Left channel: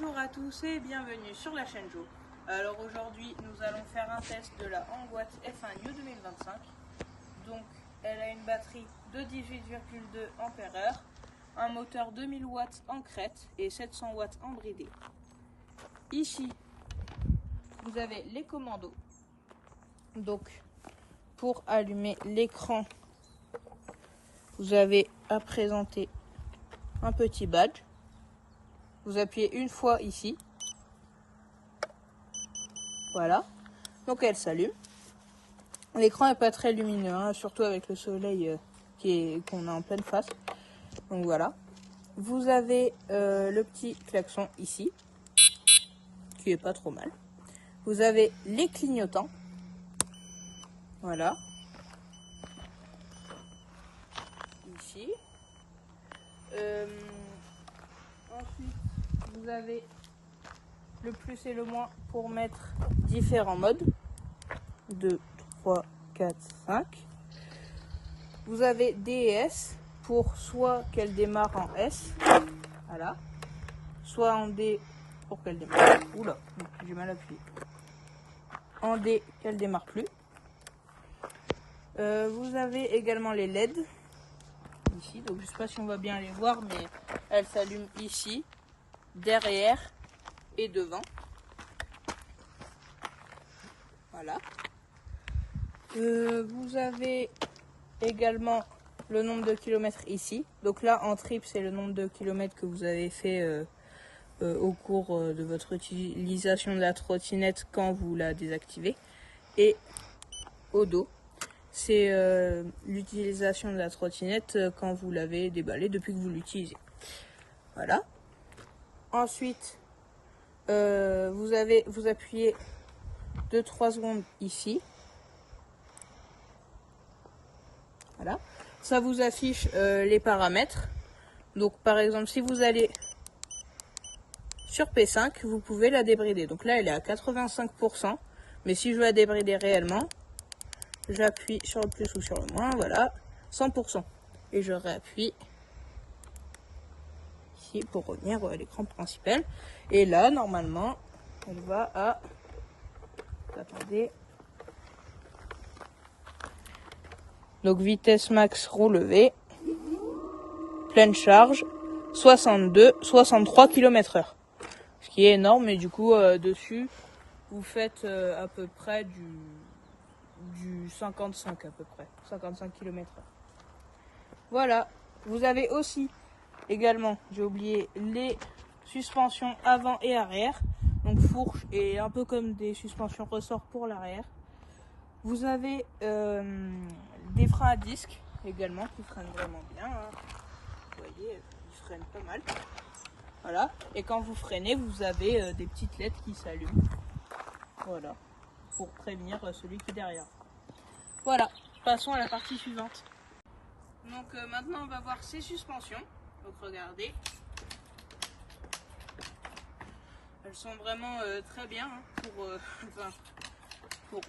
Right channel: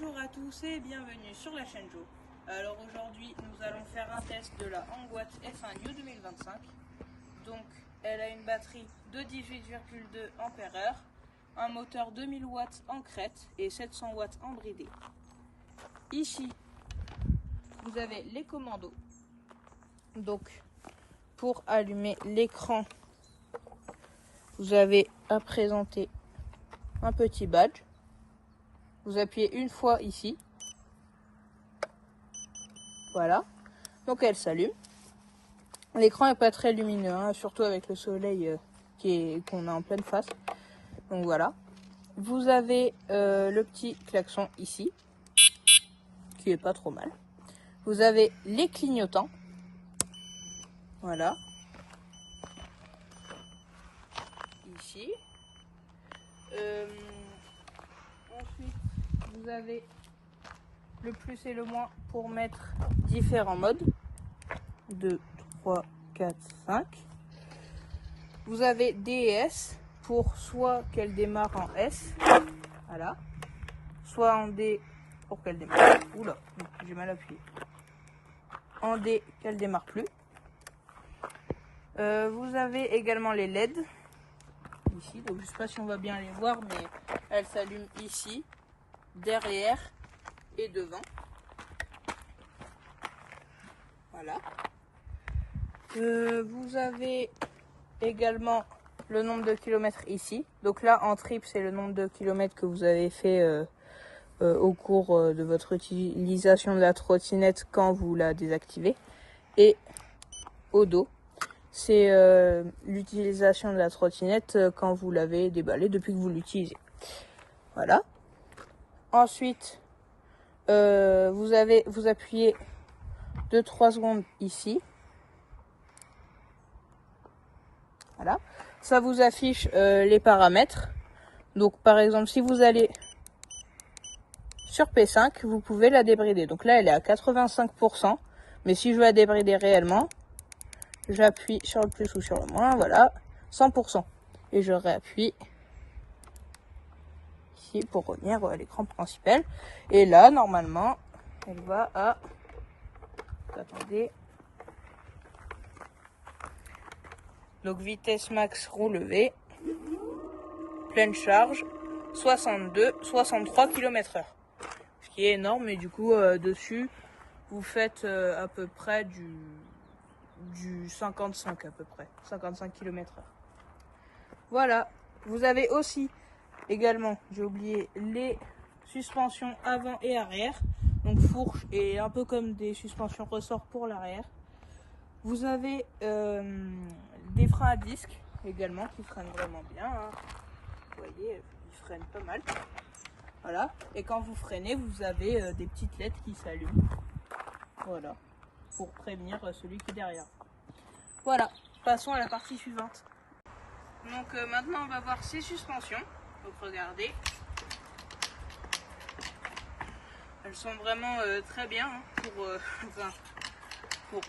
Bonjour à tous et bienvenue sur la chaîne Jo. Alors aujourd'hui nous allons faire un test de la Hangwatt F1 New 2025. Donc elle a une batterie de 18,2 Ah, un moteur 2000 watts en crête et 700 watts en bridé. Ici vous avez les commandos. Donc pour allumer l'écran, vous avez à présenter un petit badge. Vous appuyez une fois ici. Voilà. Donc elle s'allume. L'écran n'est pas très lumineux, hein, surtout avec le soleil qu'on a en pleine face. Donc voilà. Vous avez le petit klaxon ici, qui est pas trop mal. Vous avez les clignotants. Voilà. Ici. Ensuite, vous avez le plus et le moins pour mettre différents modes. 2, 3, 4, 5. Vous avez D et S pour soit qu'elle démarre en S, voilà, soit en D pour qu'elle démarre. Oula, j'ai mal appuyé. En D qu'elle démarre plus. Vous avez également les LED ici, donc je sais pas si on va bien les voir, mais elles s'allument ici, derrière et devant. Voilà. Vous avez également le nombre de kilomètres ici. Donc là, en trip, c'est le nombre de kilomètres que vous avez fait au cours de votre utilisation de la trottinette quand vous la désactivez. Et au dos, c'est l'utilisation de la trottinette quand vous l'avez déballée depuis que vous l'utilisez. Voilà. Ensuite, vous appuyez 2-3 secondes ici. Voilà. Ça vous affiche les paramètres. Donc par exemple, si vous allez sur P5, vous pouvez la débrider. Donc là, elle est à 85%. Mais si je veux la débrider réellement, j'appuie sur le plus ou sur le moins. Voilà, 100%. Et je réappuie ici pour revenir à l'écran principal. Et là, normalement, elle va à... Attendez. Donc vitesse max relevée, pleine charge, 63 km/h. Ce qui est énorme, et du coup dessus vous faites à peu près du 55 à peu près, 55 km/h. Voilà, vous avez aussi également, j'ai oublié, les suspensions avant et arrière, donc fourche et un peu comme des suspensions ressort pour l'arrière. Vous avez des freins à disque également qui freinent vraiment bien, hein. Vous voyez, ils freinent pas mal. Voilà. Et quand vous freinez, vous avez des petites lettres qui s'allument. Voilà. Pour prévenir celui qui est derrière. Voilà. Passons à la partie suivante. Donc maintenant, on va voir ces suspensions. Donc regardez. Elles sont vraiment très bien, hein, vous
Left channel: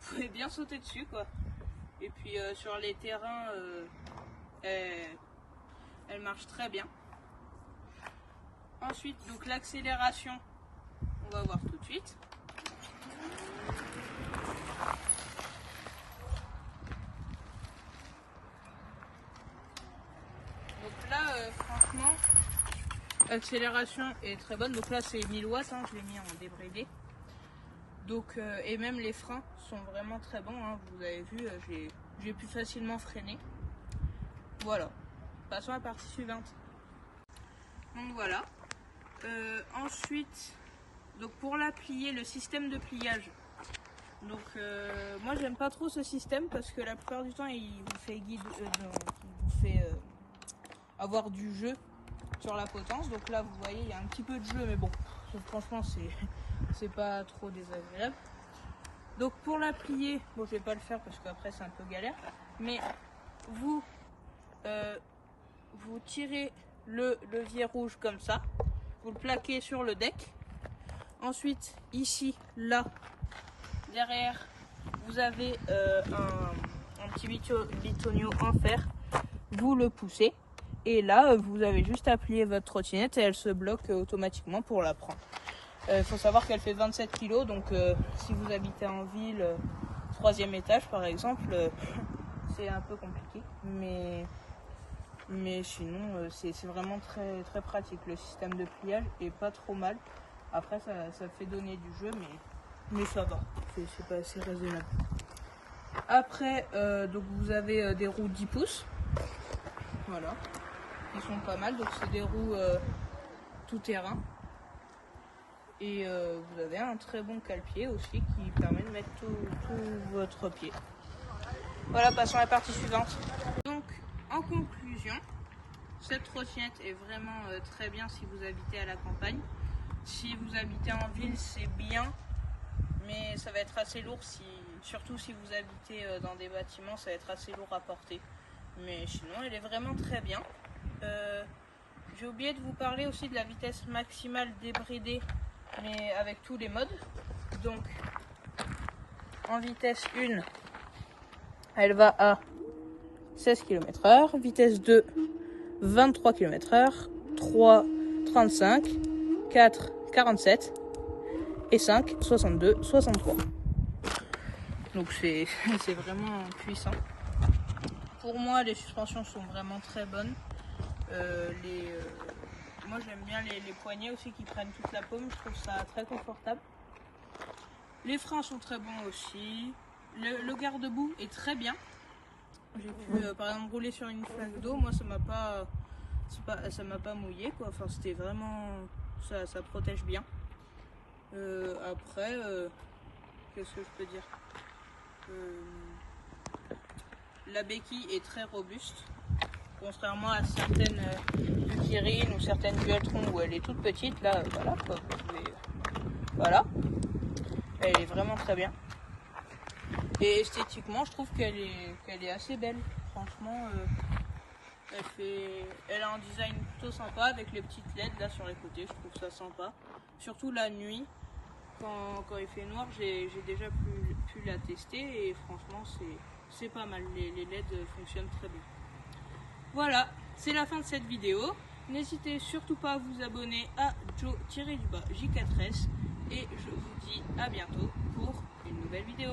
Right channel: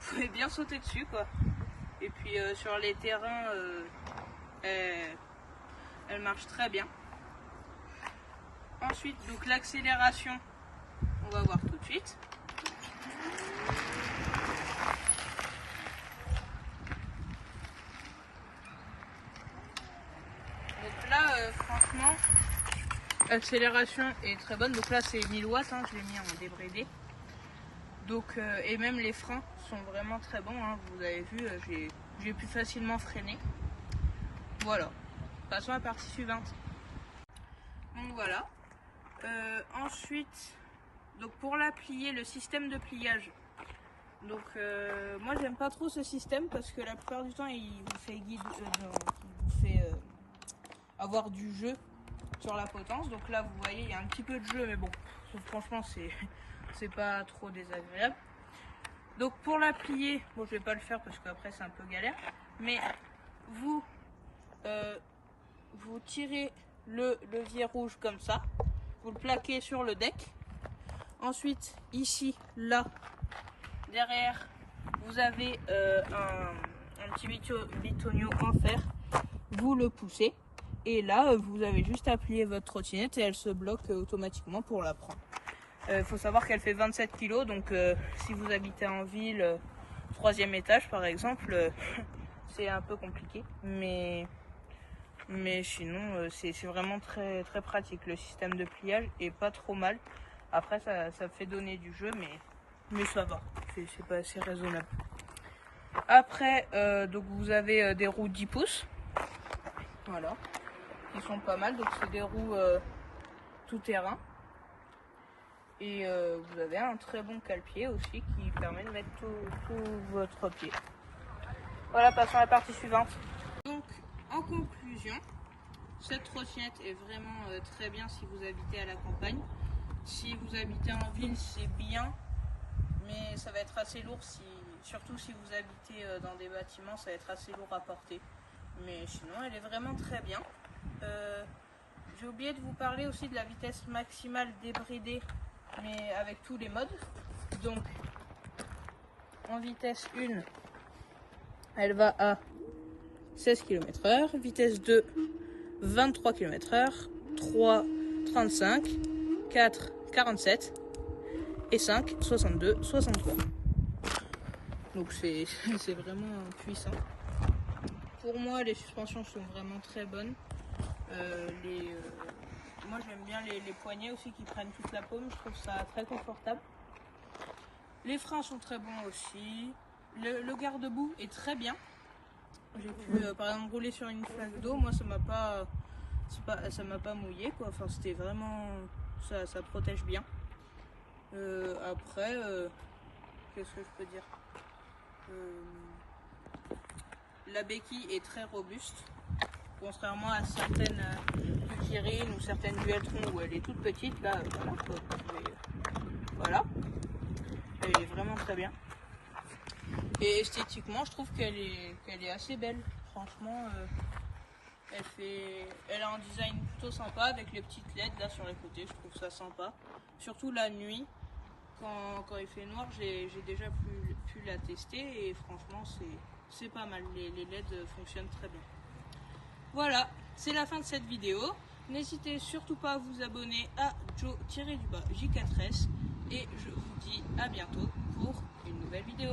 pouvez bien sauter dessus, quoi. Et puis sur les terrains, elle marche très bien. Ensuite, donc l'accélération, on va voir tout de suite. Donc là, franchement, l'accélération est très bonne. Donc là, c'est 1000 watts, hein, je l'ai mis en débridé. Donc, et même les freins sont vraiment très bons, hein. Vous avez vu, j'ai pu facilement freiner. Voilà. Passons à la partie suivante. Donc voilà. Ensuite, donc pour la plier, le système de pliage. Donc moi j'aime pas trop ce système parce que la plupart du temps il vous fait avoir du jeu sur la potence. Donc là vous voyez il y a un petit peu de jeu, mais bon, franchement c'est pas trop désagréable. Donc pour la plier, bon je vais pas le faire parce qu'après c'est un peu galère, mais vous tirez le levier rouge comme ça, vous le plaquez sur le deck. Ensuite ici, là, derrière, vous avez un petit bitonio en fer, vous le poussez Et là, vous avez juste à plier votre trottinette et elle se bloque automatiquement pour la prendre. Il faut savoir qu'elle fait 27 kg, donc si vous habitez en ville, 3e étage par exemple, c'est un peu compliqué. Mais sinon, c'est vraiment très, très pratique. Le système de pliage est pas trop mal. Après, ça fait donner du jeu, mais ça va. C'est raisonnable. Après, donc vous avez des roues 10 pouces. Voilà. Ils sont pas mal. Donc c'est des roues tout terrain. Et vous avez un très bon cale-pied aussi qui permet de mettre tout votre pied. Voilà, passons à la partie suivante. Donc, en conclusion, cette trottinette est vraiment très bien si vous habitez à la campagne. Si vous habitez en ville, c'est bien, mais ça va être assez lourd, surtout si vous habitez dans des bâtiments, ça va être assez lourd à porter. Mais sinon, elle est vraiment très bien. J'ai oublié de vous parler aussi de la vitesse maximale débridée, mais avec tous les modes. Donc, en vitesse 1, elle va à 16 km/h, vitesse 2, 23 km/h, 3, 35, 4, 47 et 5, 62, 63. Donc c'est vraiment puissant. Pour moi, les suspensions sont vraiment très bonnes. Moi j'aime bien les poignets aussi qui prennent toute la paume, je trouve ça très confortable. Les freins sont très bons aussi. Le garde-boue est très bien. J'ai pu par exemple rouler sur une flaque d'eau, moi ça m'a pas mouillé quoi. Enfin c'était vraiment, ça protège bien. Après, qu'est-ce que je peux dire, la béquille est très robuste, contrairement à certaines Kirin ou certaines Dualtron où elle est toute petite. Là, voilà quoi. Mais, voilà, elle est vraiment très bien. Et esthétiquement, je trouve qu'elle est assez belle. Franchement, elle a un design plutôt sympa avec les petites LED là sur les côtés. Je trouve ça sympa. Surtout la nuit, quand il fait noir, j'ai déjà pu la tester et franchement, c'est pas mal. Les LED fonctionnent très bien. Voilà, c'est la fin de cette vidéo. N'hésitez surtout pas à vous abonner à Joe-J4S et je vous dis à bientôt pour une nouvelle vidéo.